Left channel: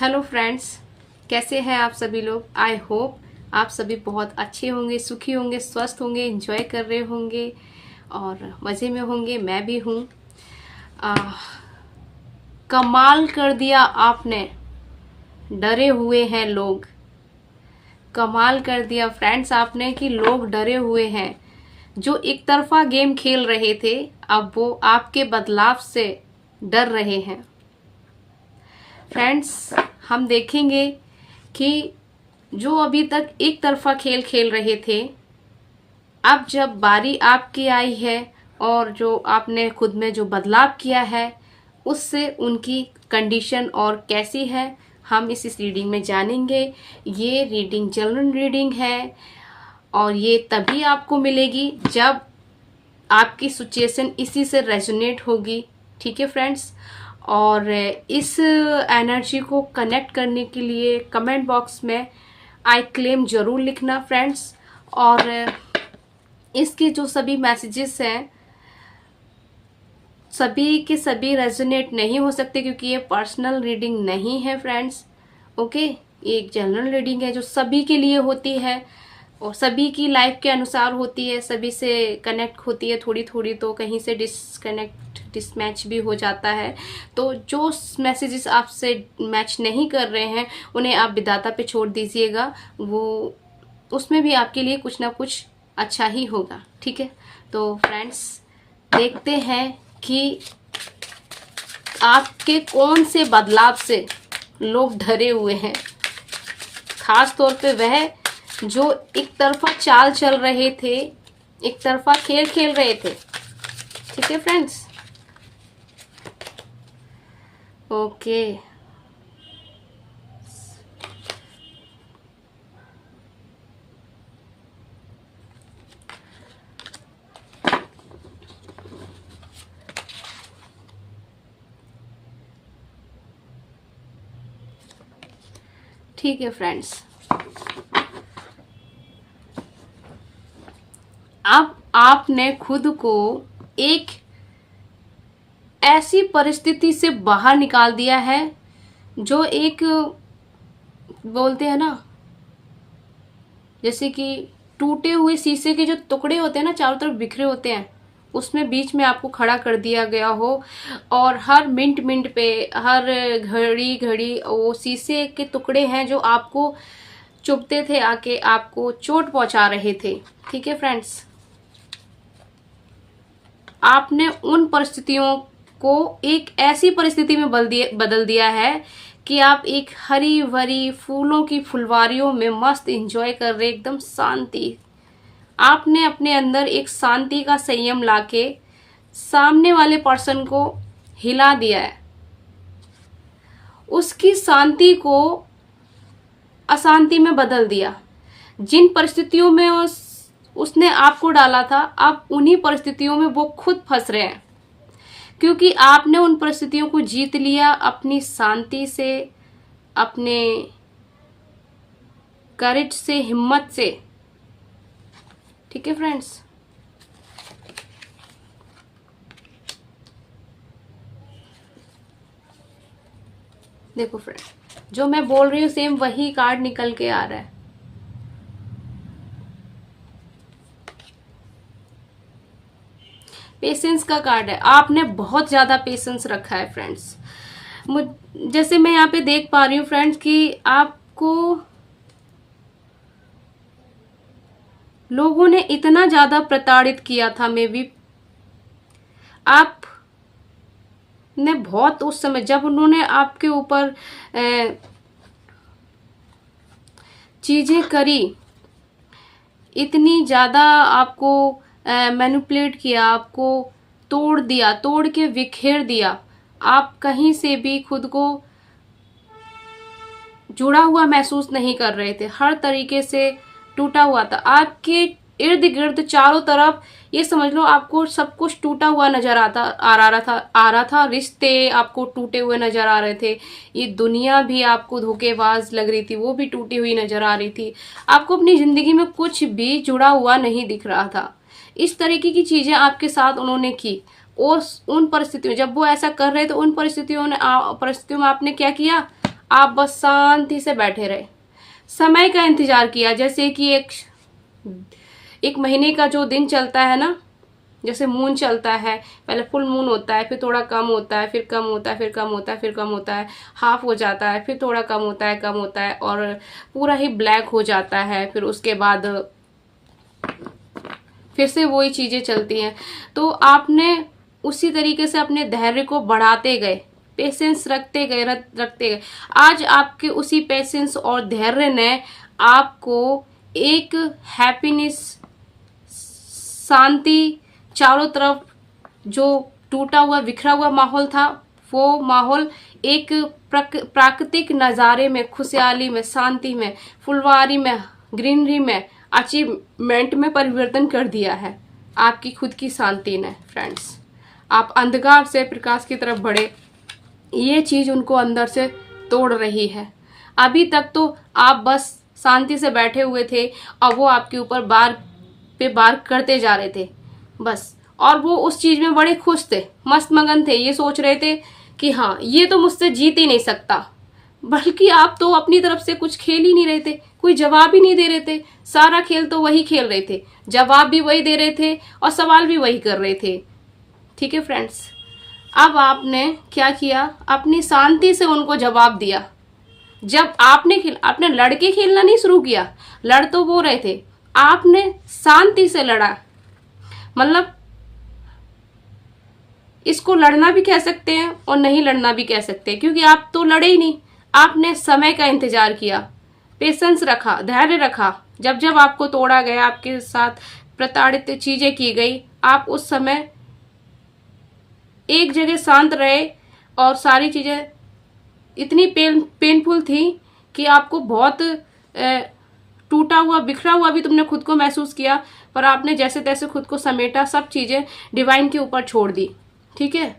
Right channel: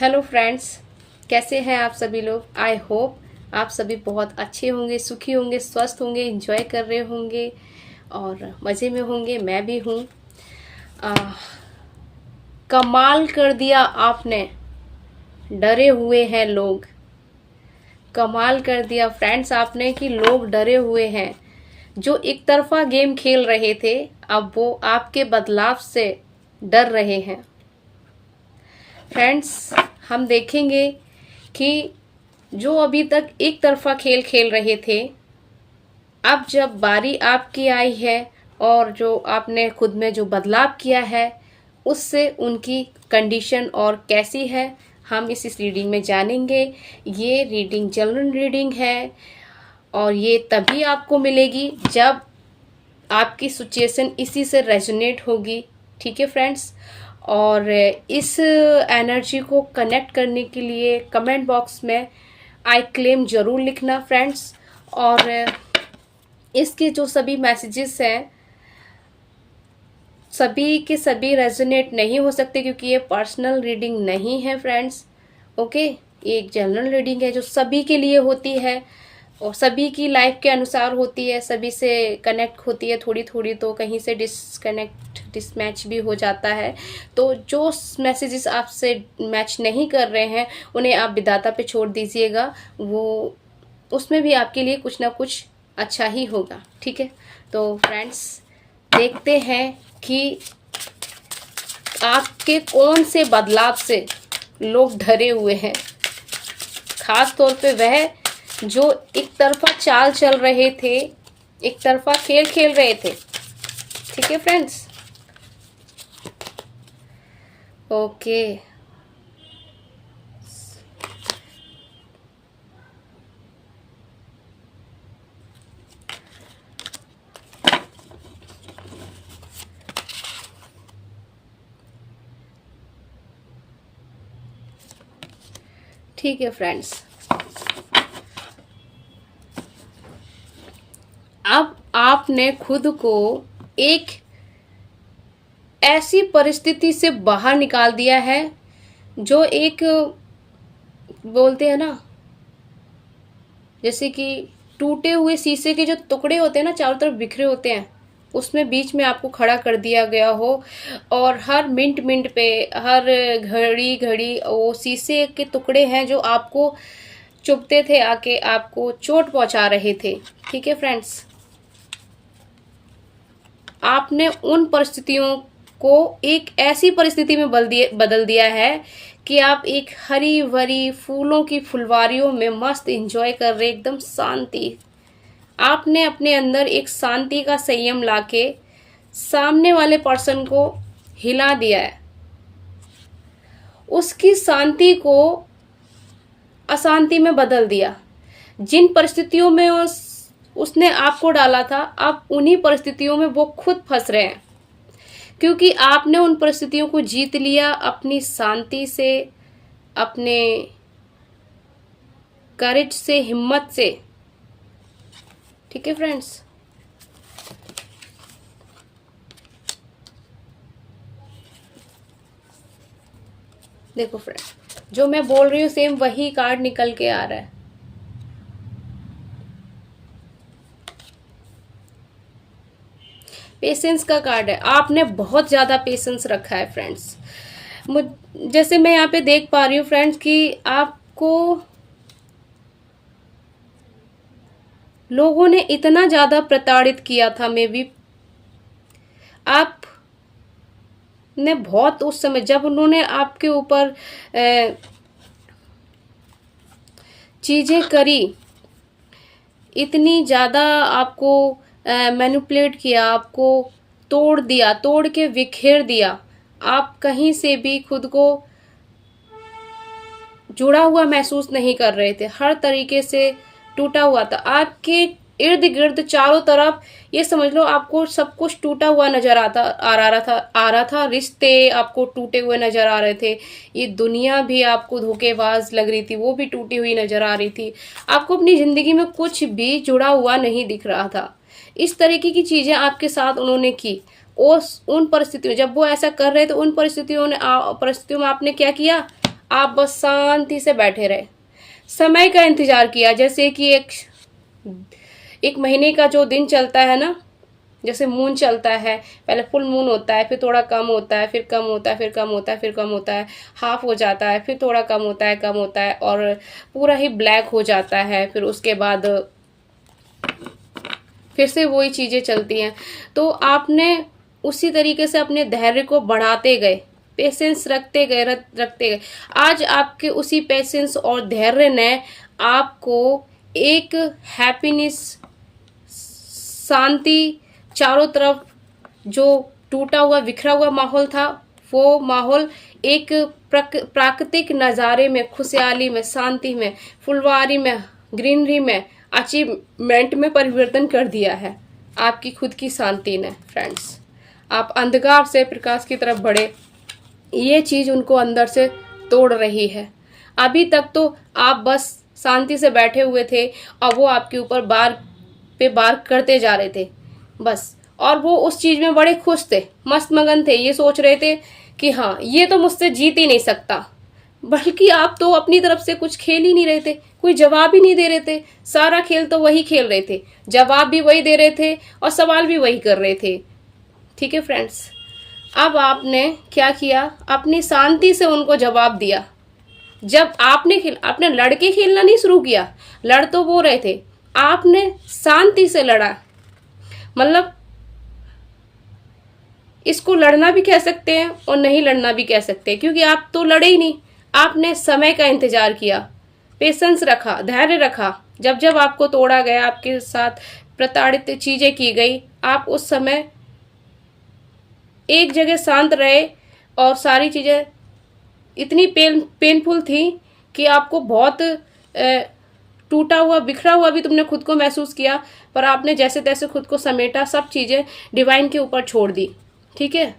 Hello friends, कैसे हैं आप सभी लोग। आई होप आप सभी बहुत अच्छे होंगे, सुखी होंगे, स्वस्थ होंगे, एंजॉय कर रहे होंगे और मज़े में होंगे। मैं भी हूँ। कमाल कर दिया आपने, डरे हुए हैं लोग। कमाल कर दिया फ्रेंड्स आपने कि लोग डरे हुए हैं। जो एक तरफा गेम खेल रहे थे, अब वो आपके बदलाव से डर रहे हैं। फ्रेंड्स, हम देखेंगे कि जो अभी तक एक तरफा खेल खेल रहे थे, अब जब बारी आपकी आई है और जो आपने खुद में जो बदलाव किया है, उससे उनकी कंडीशन और कैसी है, हम इस रीडिंग में जानेंगे। ये रीडिंग जनरल रीडिंग है और ये तभी आपको मिलेगी जब आपकी सिचुएशन इसी से रेजोनेट होगी। ठीक है फ्रेंड्स, और इस एनर्जी को कनेक्ट करने के लिए कमेंट बॉक्स में आई क्लेम जरूर लिखना फ्रेंड्स। और इसके जो सभी मैसेजेस हैं, सभी के सभी रेजोनेट नहीं हो सकते क्योंकि ये पर्सनल रीडिंग नहीं है फ्रेंड्स। ओके, ये एक जनरल रीडिंग है जो सभी के लिए होती है और सभी की लाइफ के अनुसार होती है, सभी से कनेक्ट होती है। थोड़ी थोड़ी तो कहीं से डिसमैच भी हो जाता है। तो जो मैसेजेस आपसे मैच नहीं कर रहे हैं, उन्हें आप विधाता पे छोड़ दीजिएगा। वो उसमें भी आपके लिए कुछ ना कुछ अच्छा ही होगा। ठीक है, तो फ्रेंड्स देखते हैं कि आपके कौन से बदलाव से लोग डरे हुए हैं। खास तौर पे वह जो एक तरफा चाल चल रहे थे, एक तरफा खेल खेल रहे थे। ठीक है फ्रेंड्स, ओके। ठीक है फ्रेंड्स, अब आपने खुद को एक ऐसी परिस्थिति से बाहर निकाल दिया है जो एक, बोलते हैं ना, जैसे कि टूटे हुए शीशे के जो टुकड़े होते हैं ना, चारों तरफ बिखरे होते हैं, उसमें बीच में आपको खड़ा कर दिया गया हो और हर मिनट मिनट पे, हर घड़ी घड़ी वो शीशे के टुकड़े हैं जो आपको चुभते थे, आके आपको चोट पहुंचा रहे थे। ठीक है फ्रेंड्स, आपने उन परिस्थितियों को एक ऐसी परिस्थिति में बदल दिया है कि आप एक हरी भरी फूलों की फुलवारियों में मस्त एंजॉय कर रहे, एकदम शांति। आपने अपने अंदर एक शांति का संयम लाके सामने वाले पर्सन को हिला दिया है। उसकी शांति को अशांति में बदल दिया। जिन परिस्थितियों में उसने आपको डाला था, अब उन्हीं परिस्थितियों में वो खुद फंस रहे हैं क्योंकि आपने उन परिस्थितियों को जीत लिया अपनी शांति से, अपने करेज से, हिम्मत से। ठीक है फ्रेंड्स, देखो फ्रेंड, जो मैं बोल रही हूँ सेम वही कार्ड निकल के आ रहा है। पेशेंस का कार्ड है। आपने बहुत ज्यादा पेशेंस रखा है फ्रेंड्स। जैसे मैं यहाँ पे देख पा रही हूँ फ्रेंड्स कि आपको लोगों ने इतना ज्यादा प्रताड़ित किया था, मे बी आप ने बहुत, उस समय जब उन्होंने आपके ऊपर चीजें करी, इतनी ज्यादा आपको मैनिपुलेट किया, आपको तोड़ दिया, तोड़ के बिखेर दिया। आप कहीं से भी खुद को जुड़ा हुआ महसूस नहीं कर रहे थे, हर तरीके से टूटा हुआ था। आपके इर्द गिर्द चारों तरफ ये समझ लो आपको सब कुछ टूटा हुआ नजर आ रहा था। रिश्ते आपको टूटे हुए नजर आ रहे थे। ये दुनिया भी आपको धोखेबाज लग रही थी, वो भी टूटी हुई नजर आ रही थी। आपको अपनी जिंदगी में कुछ भी जुड़ा हुआ नहीं दिख रहा था। इस तरीके की चीजें आपके साथ उन्होंने की। उन परिस्थितियों, जब वो ऐसा कर रहे थे, उन परिस्थितियों में आपने क्या किया, आप बस शांति से बैठे रहे, समय का इंतजार किया। जैसे कि एक महीने का जो दिन चलता है ना, जैसे मून चलता है, पहले फुल मून होता है, फिर थोड़ा कम होता है, फिर कम होता है, फिर कम होता है, फिर कम होता है, हाफ हो जाता है, फिर थोड़ा कम होता है, कम होता है, और पूरा ही ब्लैक हो जाता है। फिर उसके बाद फिर से वही चीजें चलती हैं। तो आपने उसी तरीके से अपने धैर्य को बढ़ाते गए, पेशेंस रखते गए, रखते गए। आज आपके उसी पेशेंस और धैर्य ने आपको एक हैप्पीनेस, शांति, चारों तरफ जो टूटा हुआ बिखरा हुआ माहौल था, वो माहौल एक प्राकृतिक नज़ारे में, खुशहाली में, शांति में, फुलवारी में, ग्रीनरी में, अचीवमेंट में परिवर्तन कर दिया है आपकी खुद की शांति ने। फ्रेंड्स, आप अंधकार से प्रकाश की तरफ बढ़े, ये चीज उनको अंदर से तोड़ रही है। अभी तक तो आप बस शांति से बैठे हुए थे और वो आपके ऊपर बार पे बार करते जा रहे थे बस, और वो उस चीज में बड़े खुश थे, मस्त मगन थे। ये सोच रहे थे कि हाँ, ये तो मुझसे जीत ही नहीं सकता। बल्कि आप तो अपनी तरफ से कुछ खेल ही नहीं रहे थे, कोई जवाब ही नहीं दे रहे थे। सारा खेल तो वही खेल रहे थे, जवाब भी वही दे रहे थे और सवाल भी वही कर रहे थे। ठीक है फ्रेंड्स, अब आपने क्या किया, अपनी शांति से उनको जवाब दिया। जब आपने लड़ के खेलना नहीं शुरू किया, लड़ तो वो रहे थे, आपने शांति से लड़ा। मतलब इसको लड़ना भी कह सकते हैं और नहीं लड़ना भी कह सकते हैं, क्योंकि आप तो लड़े ही नहीं। आपने समय का इंतजार किया, पेशेंस रखा, धैर्य रखा। जब जब आपको तोड़ा गया, आपके साथ प्रताड़ित चीजें की गई, आप उस समय एक जगह शांत रहे और सारी चीजें इतनी पेनफुल थी कि आपको बहुत टूटा हुआ बिखरा हुआ भी तुमने खुद को महसूस किया, पर आपने जैसे तैसे खुद को समेटा, सब चीजें डिवाइन के ऊपर छोड़ दी। ठीक है,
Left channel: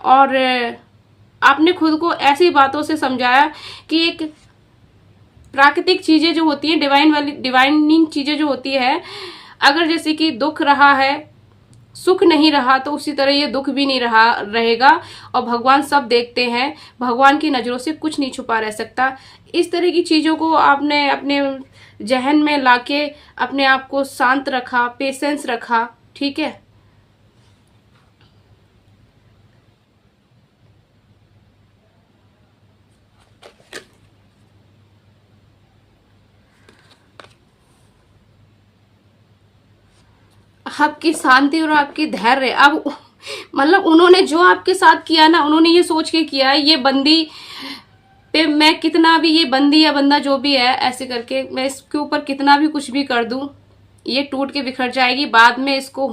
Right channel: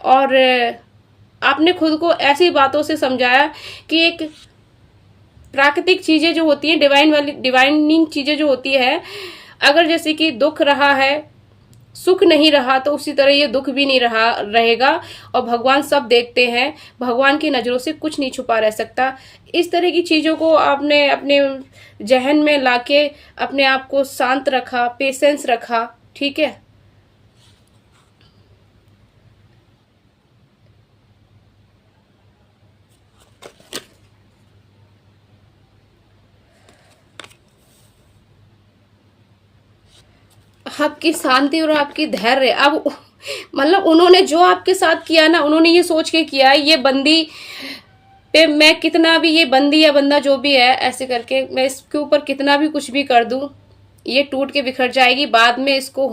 और आपने खुद को ऐसी बातों से समझाया कि एक प्राकृतिक चीजें जो होती हैं, डिवाइनिंग चीजें जो होती है, अगर जैसे कि दुख रहा है, सुख नहीं रहा, तो उसी तरह ये दुख भी नहीं रहेगा। और भगवान सब देखते हैं, भगवान की नजरों से कुछ नहीं छुपा रह सकता। इस तरह की चीजों को आपने अपने जहन में लाके अपने आप को शांत रखा, पेशेंस रखा। ठीक है, आपकी शांति और आपकी धैर्य, अब मतलब उन्होंने जो आपके साथ किया ना, उन्होंने ये सोच के किया, ये बंदी पे मैं कितना भी, ये बंदी या बंदा जो भी है, ऐसे करके मैं इसके ऊपर कितना भी कुछ भी कर दूं, ये टूट के बिखर जाएगी। बाद में इसको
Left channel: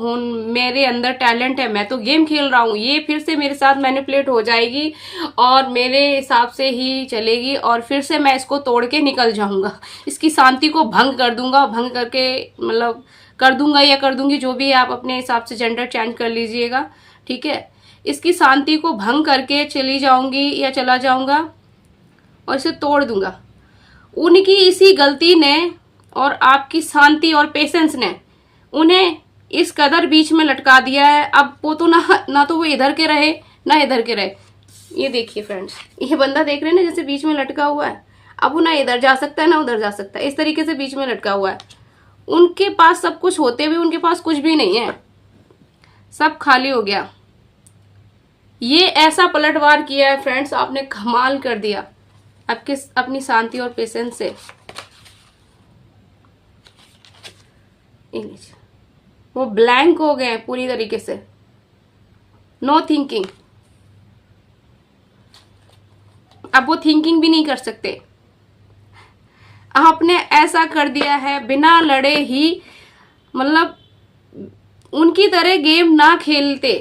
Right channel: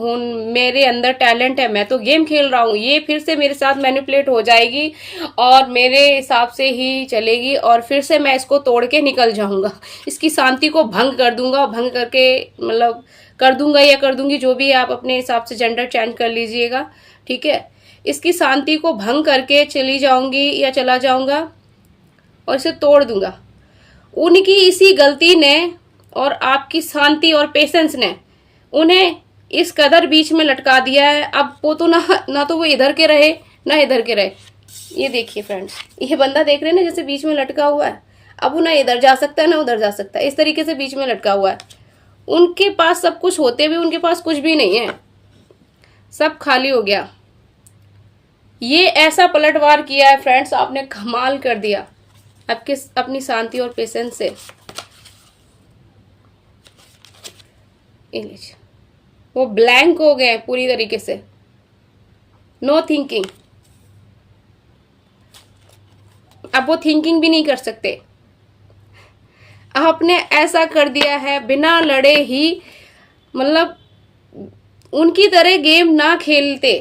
मेरे अंदर टैलेंट है, मैं तो गेम खेल रहा हूँ, ये फिर से मेरे साथ मैनिपुलेट हो जाएगी और मेरे हिसाब से ही चलेगी, और फिर से मैं इसको तोड़ के निकल जाऊंगा, इसकी शांति को भंग कर दूंगा। भंग करके मतलब कर दूंगा या कर दूंगी, जो भी है, आप अपने हिसाब से जेंडर चेंज कर लीजिएगा। ठीक है, इसकी शांति को भंग करके चली जाऊंगी या चला जाऊंगा और इसे तोड़ दूंगा। उनकी इसी गलती ने और आपकी शांति और पेशेंस ने उन्हें इस कदर बीच में लटका दिया है। अब वो तो ना तो वो इधर के रहे ना इधर के रहे। ये देखिए फ्रेंड्स, ये बंदा देख रहे हैं ना, जैसे बीच में लटका हुआ है। अब वो ना इधर जा सकता है ना उधर जा सकता है, इस तरीके से बीच में लटका हुआ है। उनके पास सब कुछ होते हुए उनके पास कुछ भी नहीं है, सब खाली हो गया। ये ऐसा पलटवार किया है फ्रेंड्स, आपने कमाल कर दिया आपके अपनी शांति और पेशेंस से। वो ब्लैंक हो गए पूरी तरीके से, नो थिंकिंग। अब वो थिंकिंग भी नहीं कर सकते। आपने ऐसा कर दिया है बिना लड़े ही, मतलब उनकी तरह गेम ना खेलते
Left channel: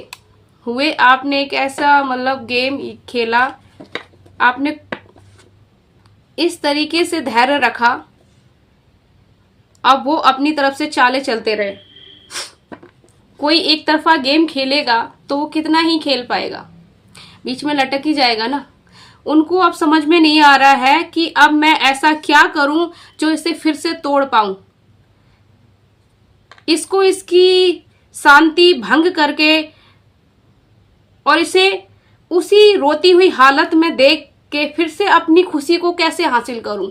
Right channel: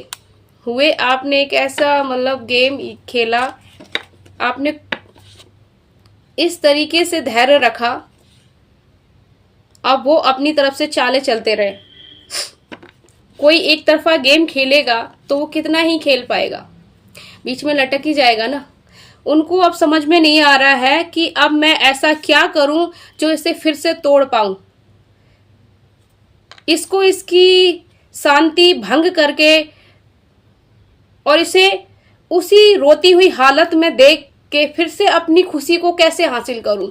हुए आपने एक ऐसा मतलब गेम खेला। आपने इस तरीके से धैर्य रखा, अब वो अपनी तरफ से चाले चलते रहे। कोई एक तरफा गेम खेलेगा तो वो कितना ही खेल पाएगा, बीच में लटक ही जाएगा ना। उनको अब समझ में नहीं आ रहा है कि अब मैं ऐसा क्या करूं जो इसे फिर से तोड़ पाऊं, इसको इसकी शांति भंग करके और इसे उसी रोती हुई हालत में देख कि फिर से अपनी खुशी को कैसे हासिल करूं।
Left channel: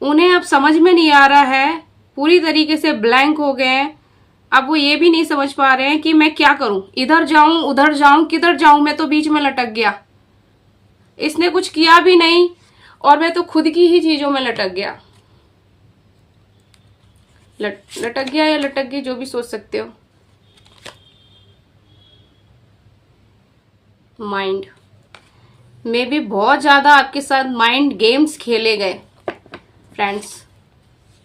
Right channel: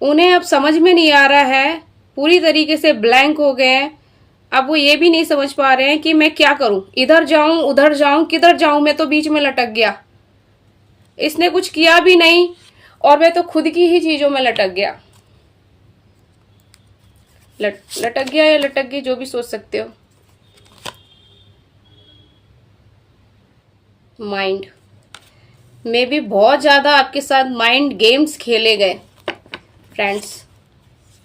उन्हें अब समझ में नहीं आ रहा है, पूरी तरीके से ब्लैंक हो गए हैं। अब वो ये भी नहीं समझ पा रहे हैं कि मैं क्या करूं, इधर जाऊं उधर जाऊं किधर जाऊं, मैं तो बीच में लटक गया। इसने कुछ किया भी नहीं और मैं तो खुद की ही चीजों में लटक गया। लटक गया या लटक गई, जो भी सोच सकते हो। माइंड में भी बहुत ज्यादा आपके साथ माइंड गेम्स खेले गए फ्रेंड्स।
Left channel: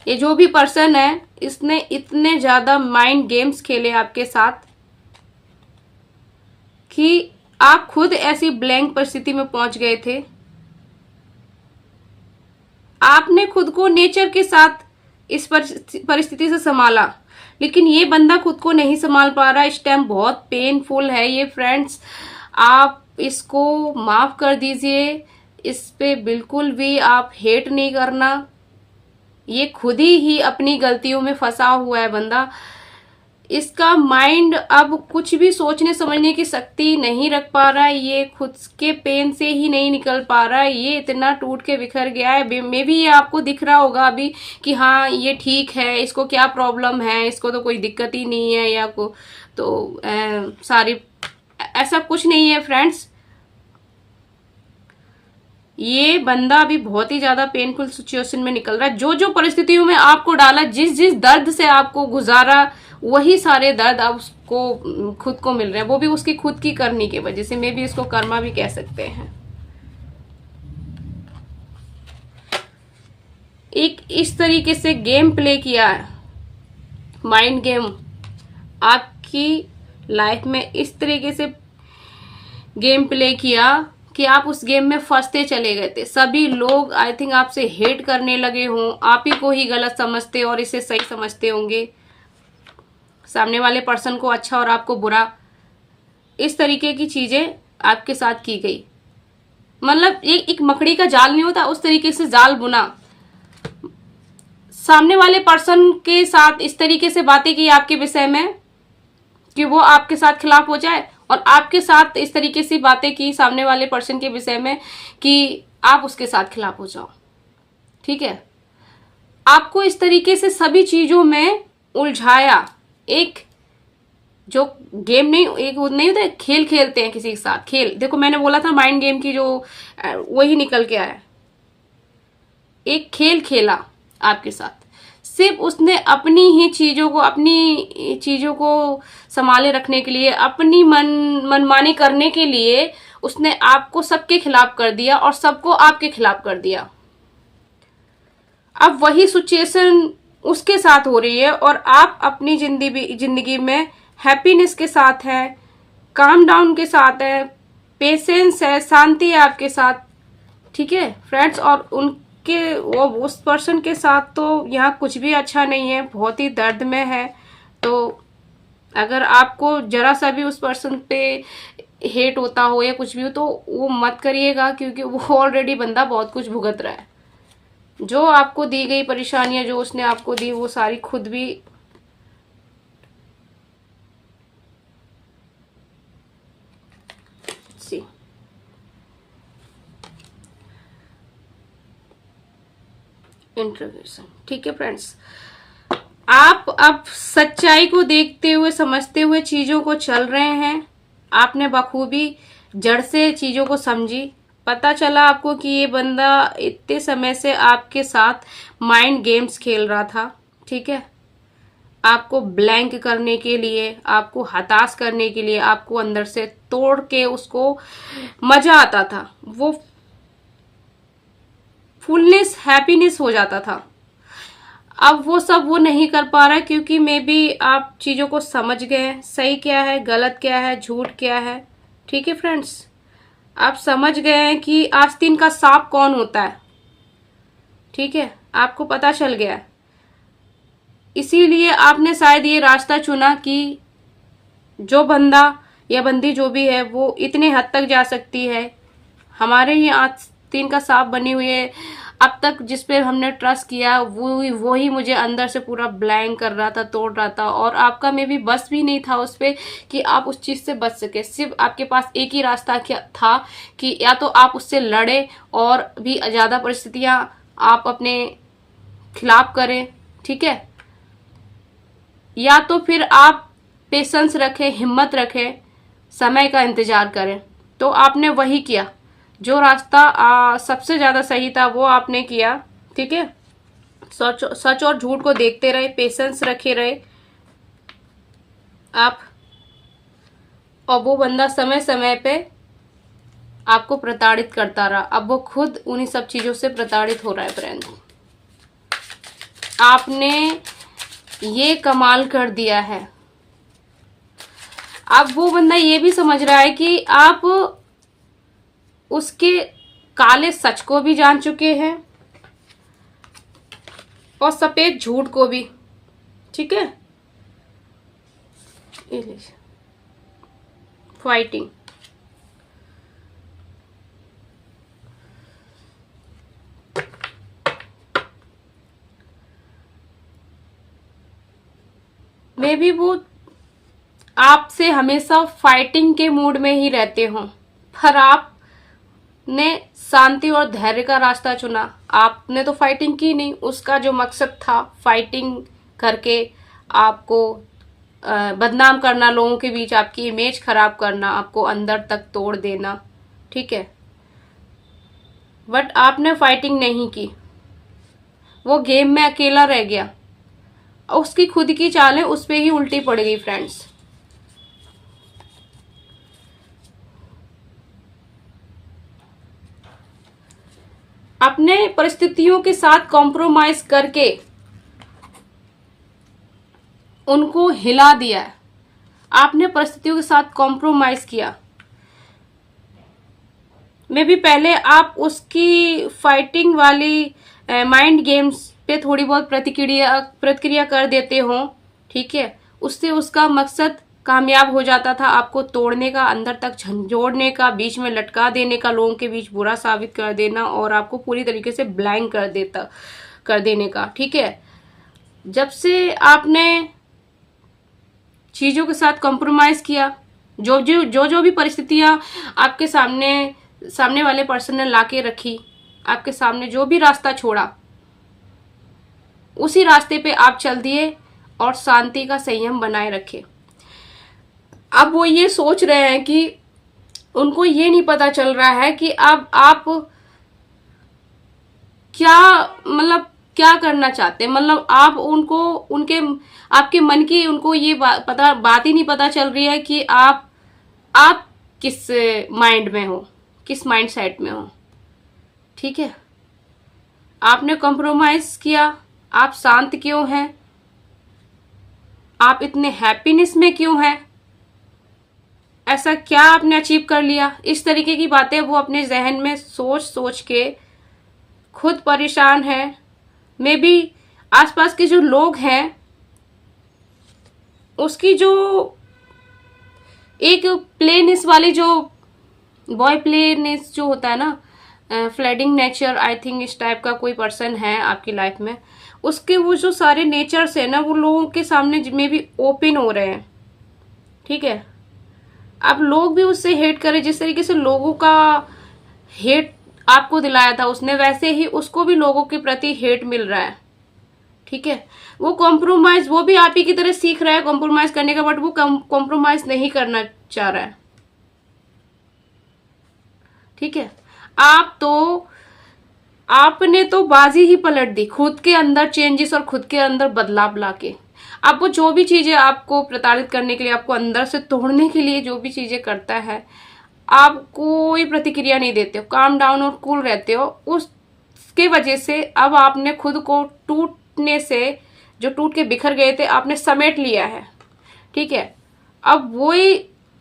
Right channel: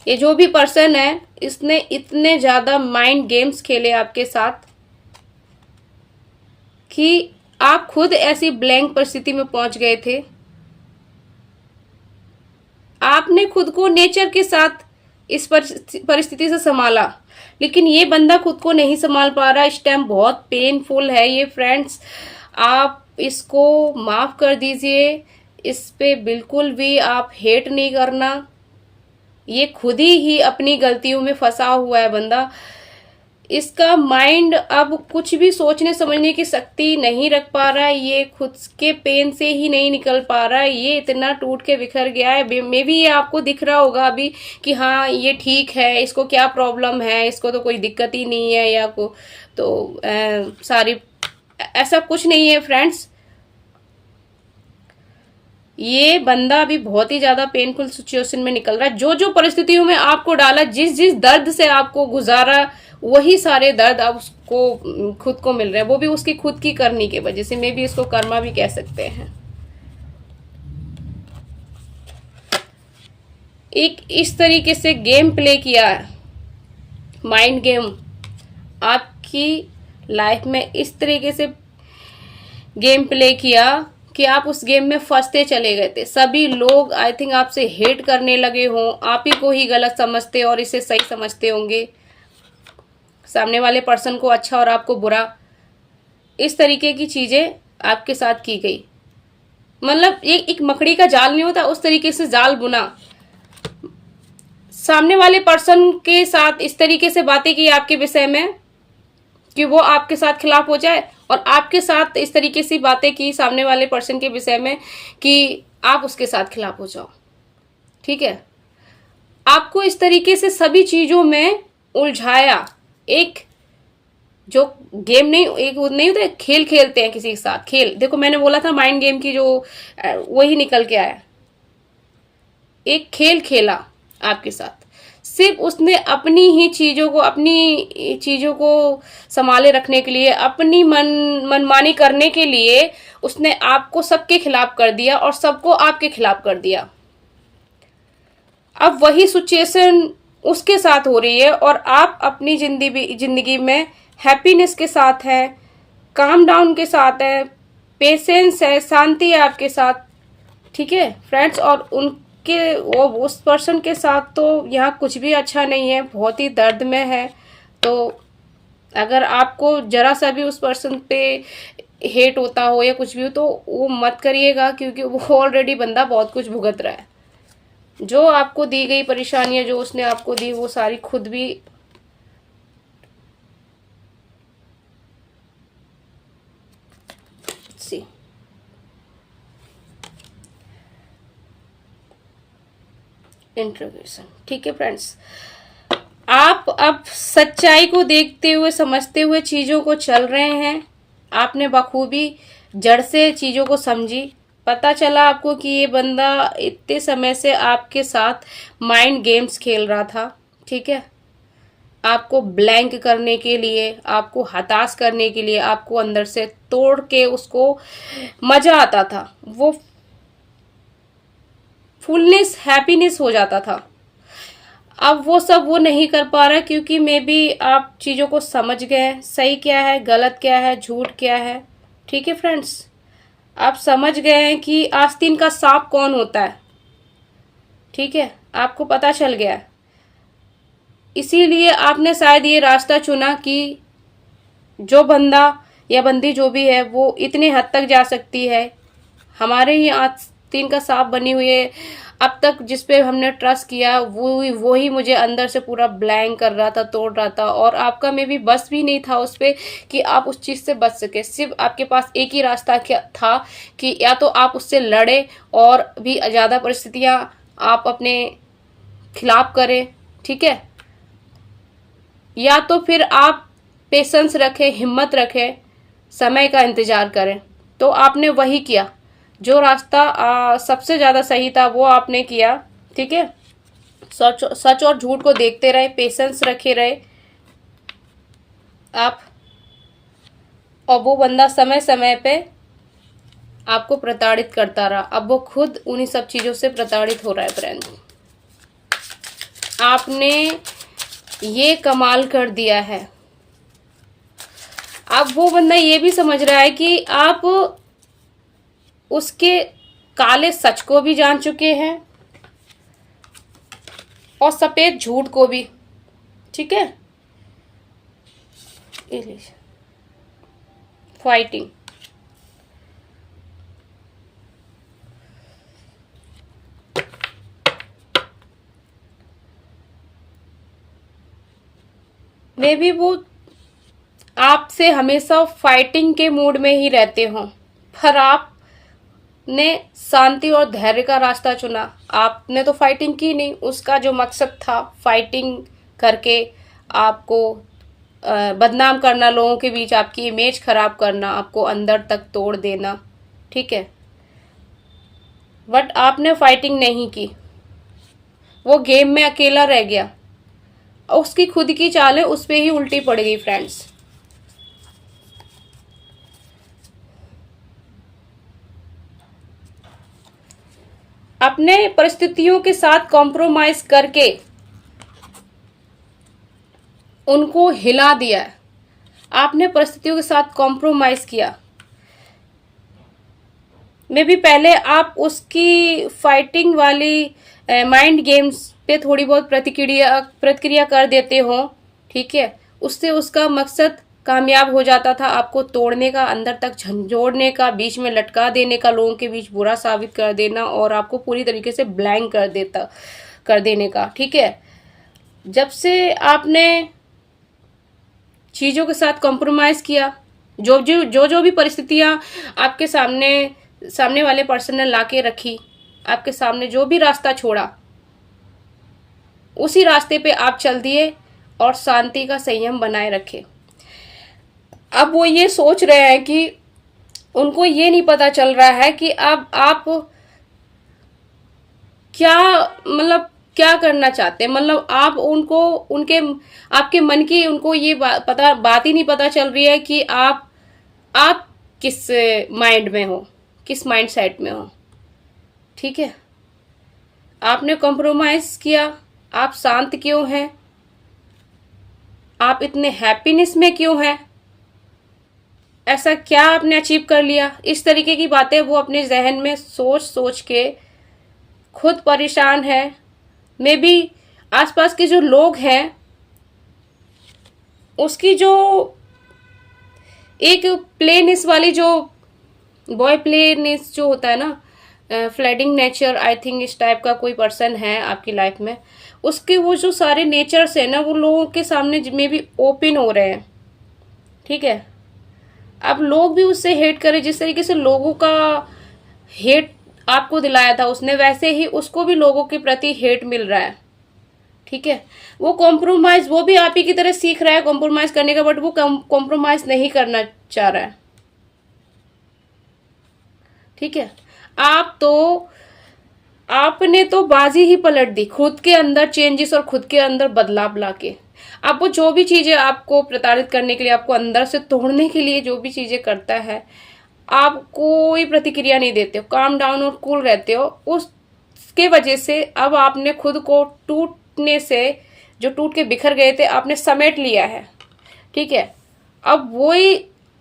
ये जो भी पर्सन है, इसने इतने ज्यादा माइंड गेम्स खेले आपके साथ कि आप खुद ऐसी ब्लैंक परिस्थिति में पहुंच गए थे। आपने खुद को नेचर के साथ इस परिस्थिति से संभाला, लेकिन ये बंदा खुद को नहीं संभाल पा रहा। इस टाइम बहुत पेनफुल है ये फ्रेंड्स। आप इसको माफ कर दीजिए, इस पे बिल्कुल भी आप हेट नहीं करना। ये खुद ही अपनी गलतियों में फंसा हुआ है बंदा। इसका माइंड अब कुछ भी सोचने समझने की शक्ति नहीं रख पा रहा है। ये खुद के पेन से ही नहीं निकल पा रहा है। ये इतना टूट के बिखर गया है। मे भी ये आपको दिख रहा होगा अभी कि हाँ ये ठीक है, इसको क्या प्रॉब्लम है, इसको तो कोई दिक्कत ही नहीं है, या को तो सारी ऐसा कुछ नहीं है फ्रेंड्स। ये बंदा अभी बहुत ही ज्यादा पेनफुल सिचुएशन में निकल रहा है। जो जो परिस्थितियों में आपको डाला, जिस जिस दर्द से आपको गुजारा, वही सारे दर्द अब उसको खुद को मिल रहे हैं। वो भी उसकी खुद की करनी की वजह से। मे भी इसको कर्मा भी कह सकते हैं। एक इस तरीके से गेम प्ले किया है, माइंड गेम आपकी लाइफ में इस तरीके से गेम प्ले किया कि आप उस गेम में फंसते चले गए थे। सभी लोग आई थिंक आपसे हेट करने लगे हों, आप ही को ही गलत समझते और इसे सही समझते होंगे। सामने वाले पर्सन को अच्छा और आपको बुरा, इस तरीके की चीजें आपके साथ की गई। मतलब ये एक मकड़ी का जाल नहीं होता, उस तरीके से जाल बुना। सामने वाले पर्सन के साथ इस तरीके से बातें की आपके विषय में कि वो आपके साथ खिलाफ हो जाए, और आपके साथ इस तरीके से बातें की सामने वाले पर्सन के विषय में कि आप उसके साथ खिलाफ हो जाओ। ठीक है, आपको इस तरीके से सभी चीजों में उलझाया। एक जो गेम नहीं, एक नहीं होता, खेल खेलते हैं किसी के साथ। खेल, देखो मैंने बोला था माइंड गेम की, जो वही निकल के आया। एक खेल खेला आपके साथ। सिर्फ उसने अपनी ही चीजों को संभाले रखने के लिए, अपनी मनमानी करने के लिए उसने आपको सबके खिलाफ कर दिया और सबको आपके खिलाफ कर दिया। अब वही सिचुएशन उसके साथ हो रही है और आप अपनी जिंदगी में हैप्पीनेस के साथ हैं, काम डाउन के साथ है, पेशेंस है, शांति है आपके साथ। ठीक है फ्रेंड्स, और उस पर्सन के साथ तो यहाँ कुछ भी अच्छा नहीं है, बहुत ही दर्द में है। तो अगर आपको जरा सा भी उस पर्सन पे हेट होता हो या कुछ भी हो, तो वो मत करिएगा, क्योंकि वो ऑलरेडी बंदा बहुत कुछ भुगत रहा है। जो आपको दी गई परेशानियां, जो उसने आपको दी, वो सारी खुद भी इंट्रोगेशन। ठीक है फ्रेंड्स, आप अब सच्चाई को देखते हुए, समझते हुए चीजों को चल रहे हैं। आपने बखूबी जड़ से चीजों को समझी। पता चला आपको कि ये बंदा इतने समय से आपके साथ माइंड गेम्स खेल रहा था। ठीक है, आपको ब्लैंक करने के लिए, आपको हताश करने के लिए, आपको अंदर से तोड़ के उसको मजा आता था, वो फुलनेस, हैप्पीनेस हो जाता था। अब वो सब वो नहीं कर पा रहा, क्योंकि मे बी आप चीजों को समझ गए, सही क्या है, गलत क्या है, झूठ क्या है। ठीक है फ्रेंड्स, आप समझ गए हैं कि आस्तीन का सांप कौन होता है। ठीक है, आपको पता चल गया है। इसीलिए आपने शायद ये रास्ता चुना कि जो बंदा या बंदी जो भी है, वो इतने हद तक जा सकती है। हमारे ही आस्तीन का सांप बनी हुई है, अब तक जिस पे हमने ट्रस्ट किया वो ही मुझे अंदर से पूरा ब्लैंक कर रहा था, तोड़ रहा था। और आपका में भी बस भी नहीं था उस पे कि आप उस चीज से बच सके। सिर्फ आपके पास एक ही रास्ता था कि या तो आप उससे लड़े और भी ज्यादा परिस्थितियां आप अपने खिलाफ करें, ठीक है, या तो फिर आप पेशेंस रखें, हिम्मत रखें, समय का इंतजार करें। तो आपने वही किया, जो रास्ता सबसे ज्यादा सही था वो आपने किया, ठीक है। सच और झूठ को देखते रहे, पेशेंस रखे रहे आप, और वो बंदा समय समय पे आपको प्रताड़ित करता रहा। अब वो खुद उन्हीं सब चीजों से प्रताड़ित हो रहा है फ्रेंड। आपने ये कमाल कर दिया है। अब वो बंदा ये भी समझ रहा है कि आप उसके काले सच को भी जान चुके हैं और सफेद झूठ को भी, ठीक है। फाइटिंग, मे भी वो आपसे हमेशा फाइटिंग के मूड में ही रहते हो, पर आपने शांति और धैर्य का रास्ता चुना। आपने तो फाइटिंग की नहीं, उसका जो मकसद था फाइटिंग करके आपको बदनाम करना, लोगों के बीच आपकी इमेज खराब करना, आपको अंदर तक तोड़ देना, ठीक है। बट आपने फाइटिंग नहीं की, वो गेम में अकेला रह गया। उसकी खुद की चालें उस पे ही उल्टी पड़ गई फ्रेंड्स। अपने परिस्थितियों के साथ कॉम्प्रोमाइज करके उनको हिला दिया है। आपने परिस्थितियों के साथ कॉम्प्रोमाइज किया। मे भी पहले आप उसकी फाइटिंग वाली माइंड गेम्स पे थोड़ी बहुत प्रतिक्रिया कर देते हो, ठीक है। उससे उसका मकसद कामयाब हो जाता था, आपको तोड़ने का, अंदर तक झंझोड़ने का, बीच में लटका देने का, लोगों के बीच बुरा साबित कर देना और आपको पूरी तरीके से ब्लैंक कर देने का, ठीक है। जब से आपने चीजों के साथ कॉम्प्रोमाइज किया, जो भी परिस्थितियां आपके सामने वाले पर्सन ने लाके रखी, आपके सामने जो भी रास्ता छोड़ा, उसी रास्ते पे आप चल दिए और शांति का संयम बनाए रखे। अब वो ये सोच रहे हैं कि उनको ये नहीं पता चल रहा है कि अब आप क्या करना चाहते हैं। मतलब आप आपके मन की उनको ये बात ही नहीं पता चल रही है कि आप किस माइंड में हो, किस माइंड सेट में हो, ठीक है। आपने कॉम्प्रोमाइज किया, आप शांत क्यों हैं, आप इतने हैप्पीनेस में क्यों हैं, ऐसा क्या आपने अचीव कर लिया। इस तरीके की बातें वो अपने जहन में सोच सोच के खुद परेशान है। मे बी आसपास के जो लोग हैं उसकी जो एक प्लेनेस वाली, जो बॉय प्लेनेस जो होता है ना, फ्लडिंग नेचर, आई थिंक इस टाइप का कोई पर्सन है आपकी लाइफ में, उसके वो जो सारे नेचर्स है ना, वो लोगों के सामने में भी ओपन हो रहे हैं, ठीक है। अब लोग भी उससे हेट करें, जिस तरीके से लोगों का हेट आपको दिलाया था उसने, वैसे ही उसको भी लोगों के प्रति हेट मिल रहा है, ठीक है। वो कॉम्प्रोमाइज, वो भी आप ही की तरह सीख रहा है कॉम्प्रोमाइज करने का, बट वो कॉम्प्रोमाइज नहीं करना चाह रहा है, ठीक है। आपने तो बाजी ही पलट दी, खुद के अंदर चेंजेस और खुद के अंदर बदलाव लाके। अब वो जो भी चीजें आपको प्रताड़ित करने के लिए, आपको अंदर से तोड़ने के लिए जो भी चीजें करता है, आप कोई प्रतिक्रिया नहीं देते हो, काम डाउन और कूल रहते हो। उसके वजह से अब आपने खुद को टूटने से, जो टूट के बिखर गए थे, आपने समेट लिया है, ठीक है। अब वही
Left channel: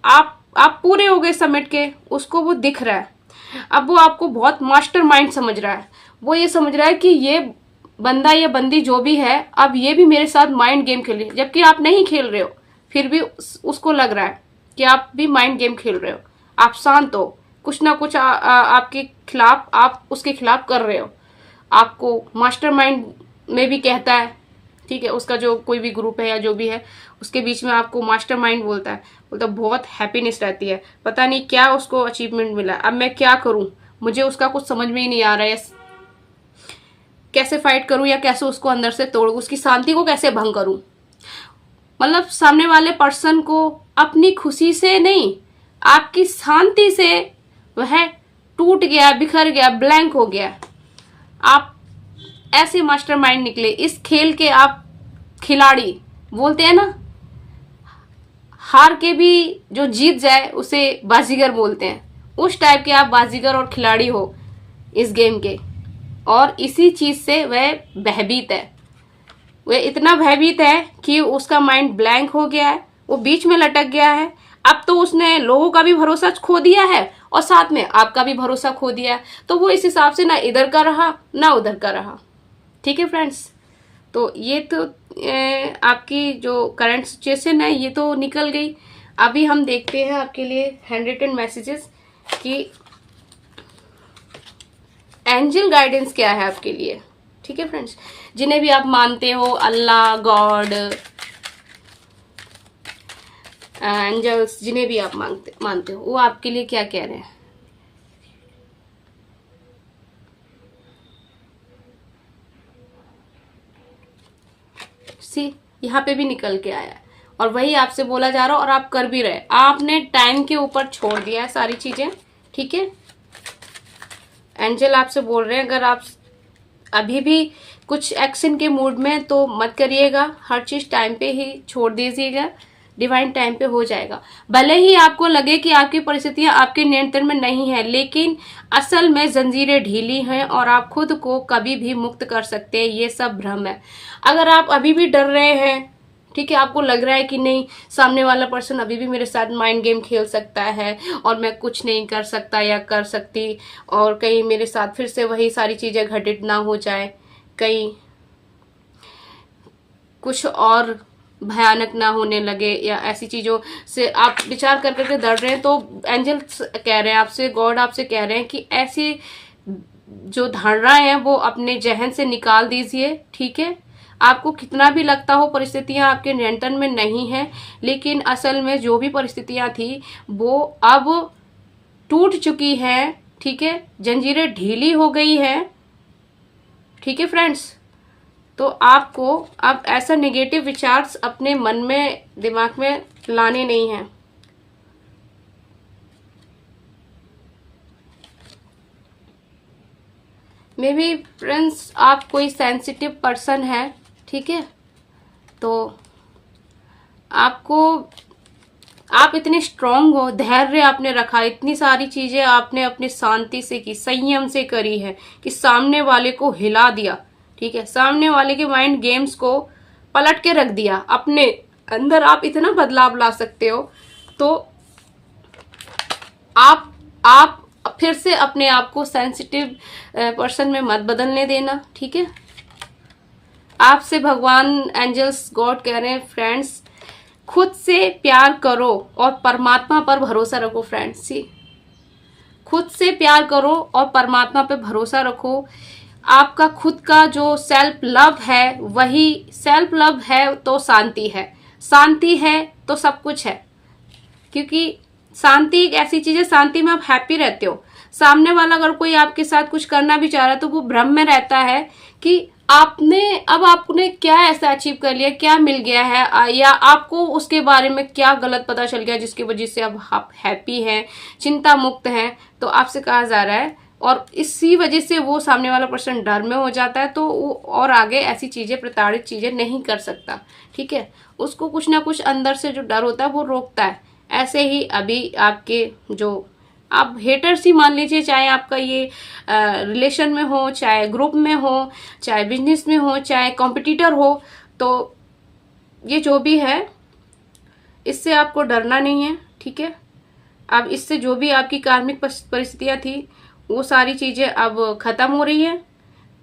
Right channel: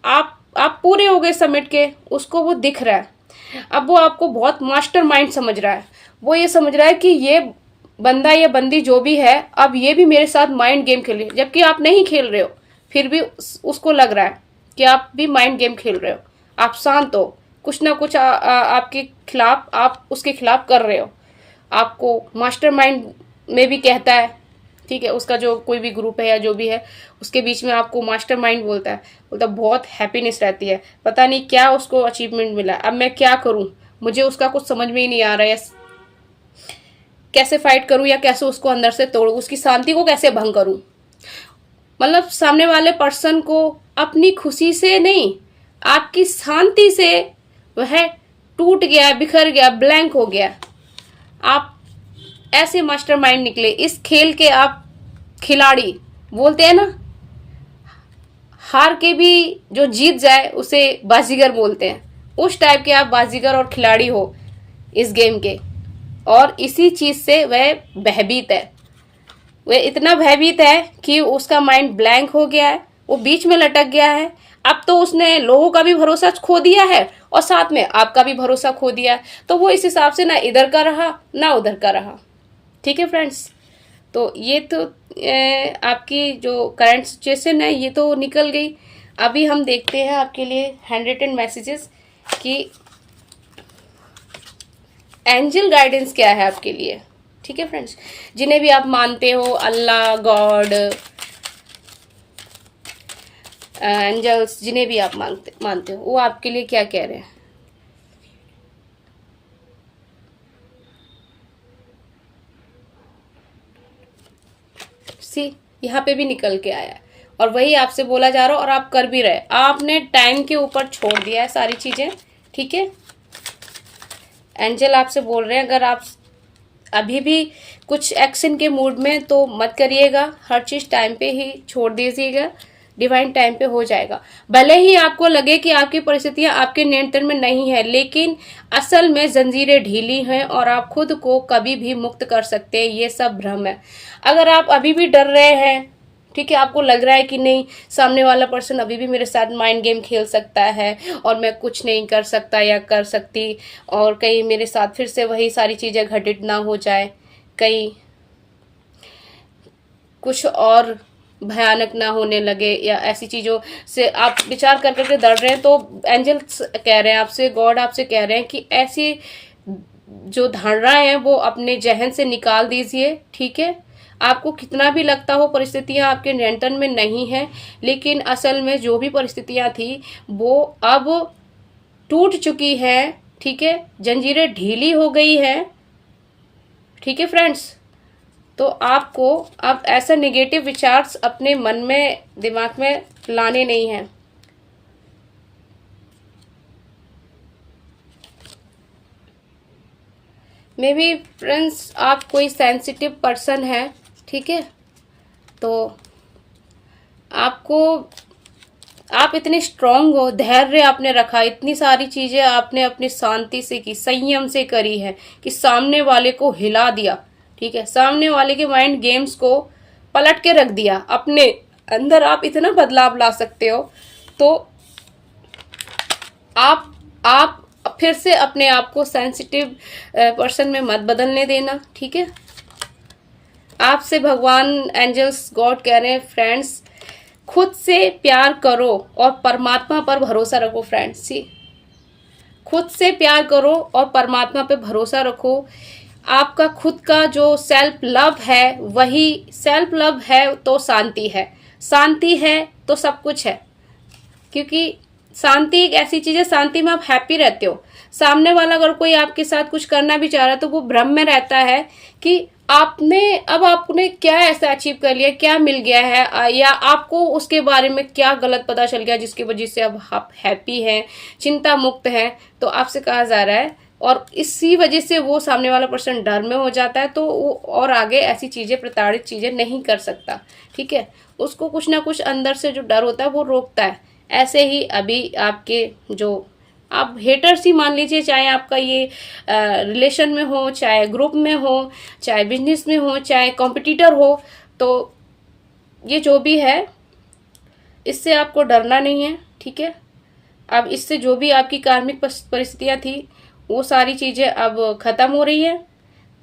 आप पूरे हो गए समेट के, उसको वो दिख रहा है। अब वो आपको बहुत मास्टर माइंड समझ रहा है। वो ये समझ रहा है कि ये बंदा या बंदी जो भी है, अब ये भी मेरे साथ माइंड गेम खेल रही है, जबकि आप नहीं खेल रहे हो, फिर भी उसको लग रहा है कि आप भी माइंड गेम खेल रहे हो। आप शांत हो, कुछ ना कुछ आपके खिलाफ, आप उसके खिलाफ कर रहे हो, आपको मास्टरमाइंड में भी कहता है, ठीक है, उसका जो कोई भी ग्रुप है या जो भी है उसके बीच में आपको मास्टरमाइंड बोलता है, बोलता बहुत हैप्पीनेस रहती है, पता नहीं क्या उसको अचीवमेंट मिला, अब मैं क्या करूं, मुझे उसका कुछ समझ में ही नहीं आ रहा है, कैसे फाइट करूं या कैसे उसको अंदर से तोड़ूं, उसकी शांति को कैसे भंग करूं। मतलब सामने वाले पर्सन को अपनी खुशी से नहीं, आपकी शांति से वह टूट गया, बिखर गया, ब्लैंक हो गया। आप ऐसे मास्टरमाइंड निकले इस खेल के, आप खिलाड़ी बोलते हैं ना, हार के भी जो जीत जाए उसे बाजीगर बोलते हैं, उस टाइप के आप बाजीगर और खिलाड़ी हो इस गेम के। और इसी चीज से वह भयभीत है, वह इतना भयभीत है कि उसका माइंड ब्लैंक हो गया है, वो बीच में लटक गया है। अब तो उसने लोगों का भी भरोसा खो दिया है और साथ में आपका भी भरोसा खो दिया है, तो वो इस हिसाब से ना इधर का रहा ना उधर का रहा। ठीक है फ्रेंड्स, तो ये तो आपकी जो करंट सिचुएशन है ये तो निकल गई। अभी हम देखते हैं आपके लिए हैंड रिटन मैसेजेस कि एंजल गाइडेंस क्या है आपके लिए। ठीक है फ्रेंड्स, जिन्हें भी आप मानते हो, अल्लाह, गॉड, एंजल्स, जिन्हें भी आप मानते हो, वो आपके लिए क्या कह रहे हैं। सी यहाँ पे भी निकल के आया है और वही आपसे बोला जा रहा है और आप कर भी रहे, आपने टाइम के ऊपर छोड़ दिया है सारी चीजें। ठीक है, एंजल आपसे बोल रहे हैं अगर आप अभी भी कुछ एक्शन के मूड में तो मत करिएगा, हर चीज टाइम पे ही छोड़ दीजिएगा, डिवाइन टाइम पे हो जाएगा। भले ही आपको लगे कि आपकी परिस्थितियां आपके नियंत्रण में नहीं है, लेकिन असल में जंजीरें ढीली हैं और आप खुद को कभी भी मुक्त कर सकते हैं, ये सब भ्रम है। अगर आप अभी भी डर रहे हैं, ठीक है, आपको लग रहा है कि नहीं सामने वाला पर्सन अभी भी मेरे साथ माइंड गेम खेल सकता है और मैं कुछ नहीं कर सकता या कर सकती, और कहीं मेरे साथ फिर से वही सारी चीजें घटित ना हो जाए, कहीं कुछ और भयानक ना होने लगे या ऐसी चीजों से आप विचार कर करके डर रहे हैं, तो एंजल्स कह रहे हैं आपसे, गॉड आपसे कह रहे हैं कि ऐसी जो धारणाएं हैं वो अपने जहन से निकाल दीजिए। ठीक है, आपको कितना भी लगता हो परिस्थितियां आपके नियंत्रण में नहीं है, लेकिन असल में जो भी परिस्थितियां थी वो अब टूट चुकी हैं। ठीक है, जंजीरें ढीली हो गई हैं। ठीक है फ्रेंड्स, तो आपको अब ऐसा नेगेटिव विचार अपने मन में, दिमाग में लाने नहीं हैं। मे बी फ्रेंड्स आप कोई सेंसिटिव पर्सन है, ठीक है, तो आपको, आप इतने स्ट्रांग हो, धैर्य आपने रखा, इतनी सारी चीजें आपने अपनी शांति से की, संयम से करी है कि सामने वाले को हिला दिया। ठीक है, सामने वाले के माइंड गेम्स को पलट के रख दिया, अपने अंदर आप इतना बदलाव ला सकते हो। तो आप फिर से अपने आप को सेंसिटिव पर्सन में मत बदलने देना। ठीक है, आपसे भगवान, एंजल्स, गॉड कह रहे हैं फ्रेंड्स, खुद से प्यार करो और परमात्मा पर भरोसा रखो। फ्रेंड्स सी, खुद से प्यार करो और परमात्मा पे भरोसा रखो। आपका खुद का जो सेल्फ लव है, वही सेल्फ लव है तो शांति है, शांति है तो सब कुछ है, क्योंकि शांति एक ऐसी चीज है, शांति में आप हैप्पी रहते हो। सामने वाला अगर कोई आपके साथ कुछ करना भी चाह रहा है तो वो भ्रम में रहता है कि आपने क्या ऐसा अचीव कर लिया, क्या मिल गया है, या आपको उसके बारे में क्या गलत पता चल गया जिसकी वजह से अब आप हैप्पी हैं, चिंता मुक्त हैं। तो आपसे कहा जा रहा है, और इसी वजह से वो सामने वाला पर्सन डर में हो जाता है, तो वो और आगे ऐसी चीजें, प्रताड़ित चीजें नहीं कर सकता। ठीक है, उसको कुछ ना कुछ अंदर से जो डर होता है वो रोकता है। ऐसे ही अभी आपके जो आप हेटर्स ही मान लीजिए, चाहे आपका ये रिलेशन में हो, चाहे ग्रुप में हो, चाहे बिजनेस में हो, चाहे कॉम्पिटिटर हो, तो ये जो भी है इससे आपको डरना नहीं है। ठीक है, अब इससे जो भी आपकी कार्मिक परिस्थितियां थी वो सारी चीजें अब खत्म हो रही है।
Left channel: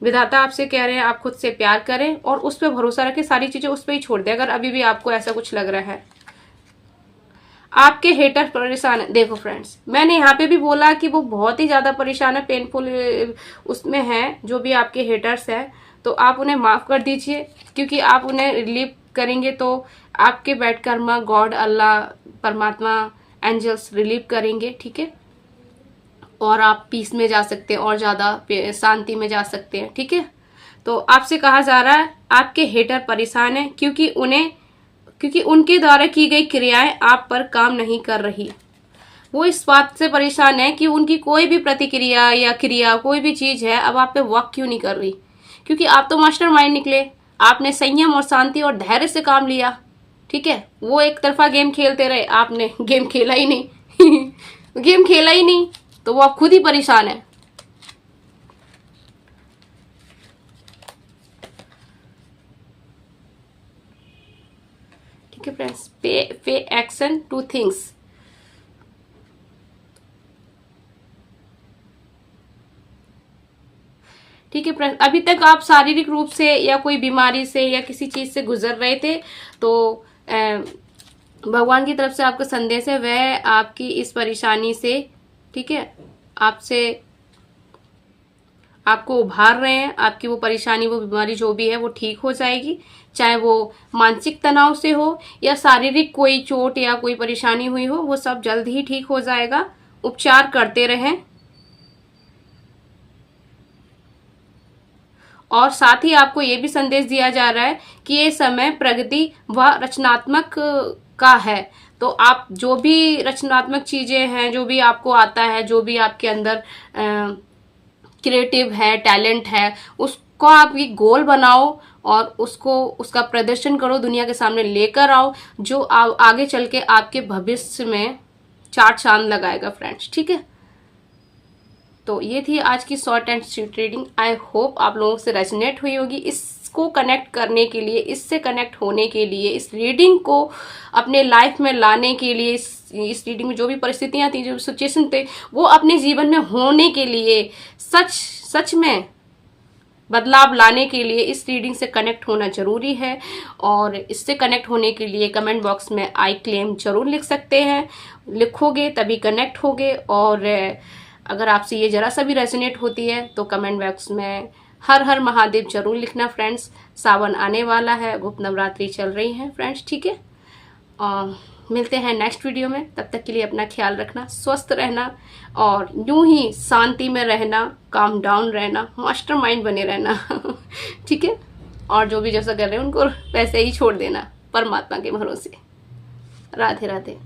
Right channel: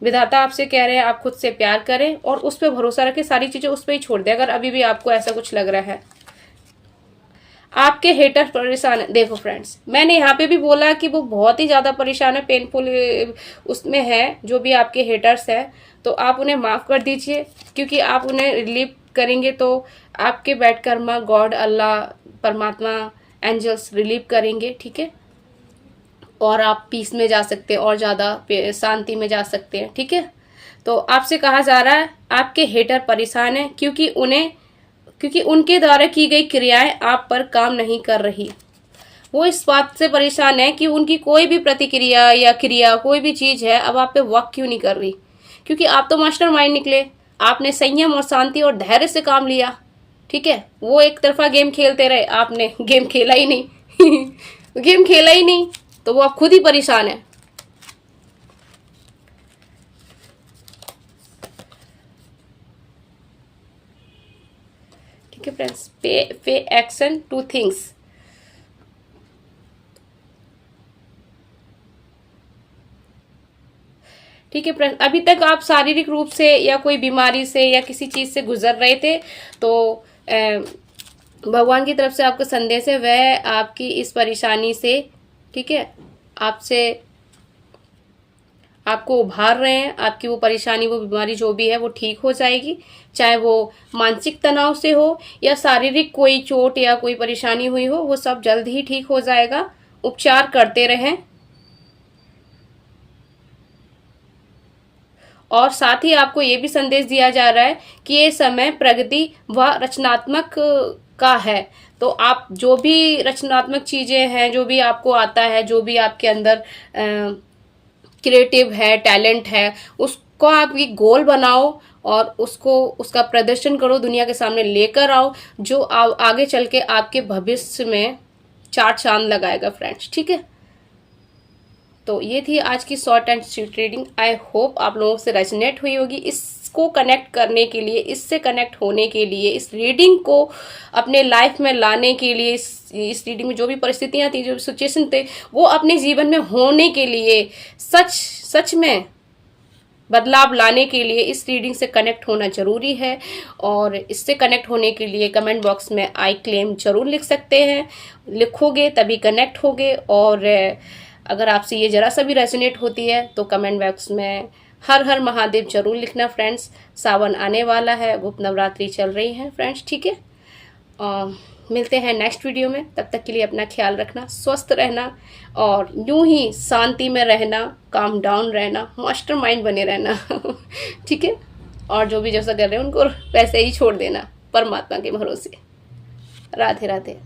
विधाता आपसे कह रहे हैं आप खुद से प्यार करें और उस पर भरोसा रखें, सारी चीजें उस पर ही छोड़ दें अगर अभी भी आपको ऐसा कुछ लग रहा है। आपके हेटर परेशान है। देखो फ्रेंड्स, मैंने यहाँ पे भी बोला कि वो बहुत ही ज्यादा परेशान है, पेनफुल उसमें है जो भी आपके हेटर्स है, तो आप उन्हें माफ कर दीजिए, क्योंकि आप उन्हें रिलीव करेंगे तो आपके बैड कर्मा गॉड, अल्लाह, परमात्मा, एंजल्स रिलीव करेंगे, ठीक है। और आप पीस में जा सकते हैं और ज्यादा शांति में जा सकते हैं, ठीक है। तो आपसे कहा जा रहा है आपके हेटर परेशान है, क्योंकि उनके द्वारा की गई क्रियाएं आप पर काम नहीं कर रही। वो इस बात से परेशान है कि उनकी कोई भी प्रतिक्रिया या क्रिया, कोई भी चीज है, अब आप पे वर्क क्यों नहीं कर रही, क्योंकि आप तो मास्टरमाइंड निकले। आपने संयम और शांति और धैर्य से काम लिया, ठीक है। वो एक तरफा गेम खेलते रहे, आपने गेम खेला ही नहीं गेम खेला ही नहीं, तो वो आप खुद ही परेशान है। ठीक है फ्रेंड्स, पे एक्शन टू थिंग्स। ठीक है फ्रेंड्स, अभी तक आप शारीरिक रूप से या कोई बीमारी से या किसी चीज से गुजर रहे थे, तो भगवान की तरफ से आपका संदेश है, वह आपकी इस परेशानी से, ठीक है, आपसे आपको उभार रहे हैं। आपकी वो परेशानी, वो बीमारी जो भी है वो ठीक हो जाएगी, चाहे वो मानसिक तनाव से हो या शारीरिक कोई चोट या कोई परेशानी हुई हो, वो सब जल्द ही ठीक हो जाएगा। उपचार करते रहें। और साथ ही आपको ये भी संदेश दिया जा रहा है कि ये समय प्रगति व रचनात्मक का है। तो आप जो भी रचनात्मक चीजें हैं, जो भी आपको आता है, जो भी आपके अंदर क्रिएटिव है, टैलेंट है, उसको आप एक गोल बनाओ और उसको, उसका प्रदर्शन करो, दुनिया के सामने लेकर आओ, जो आगे चल के आपके भविष्य में चार चांद लगाएगा फ्रेंड्स, ठीक है। तो ये थी आज की short and sweet reading. I hope आप लोगों से रेजोनेट हुई होगी। इसको कनेक्ट करने के लिए, इससे कनेक्ट होने के लिए, इस रीडिंग को अपने लाइफ में लाने के लिए, इस रीडिंग में जो भी परिस्थितियां थी, जो भी सिचुएशन थे, वो अपने जीवन में होने के लिए, सच में बदलाव लाने के लिए इस रीडिंग से कनेक्ट होना जरूरी है। और इससे कनेक्ट होने के लिए कमेंट बॉक्स में आई क्लेम जरूर लिख सकते हैं। लिखोगे तभी कनेक्ट होगे। और अगर आपसे ये जरा सा भी रेजोनेट होती है तो कमेंट बॉक्स में हर हर महादेव जरूर लिखना फ्रेंड्स। सावन आने वाला है, गुप्त नवरात्रि चल रही है फ्रेंड्स, ठीक है। मिलते हैं नेक्स्ट वीडियो में। तब तक के लिए अपना ख्याल रखना, स्वस्थ रहना और यूं ही शांति में रहना, काम डाउन रहना, मास्टरमाइंड बने रहना ठीक है। और जो भी जैसा कर रहे हैं उनको वैसे ही छोड़ देना परमात्मा के भरोसे। राधे राधे।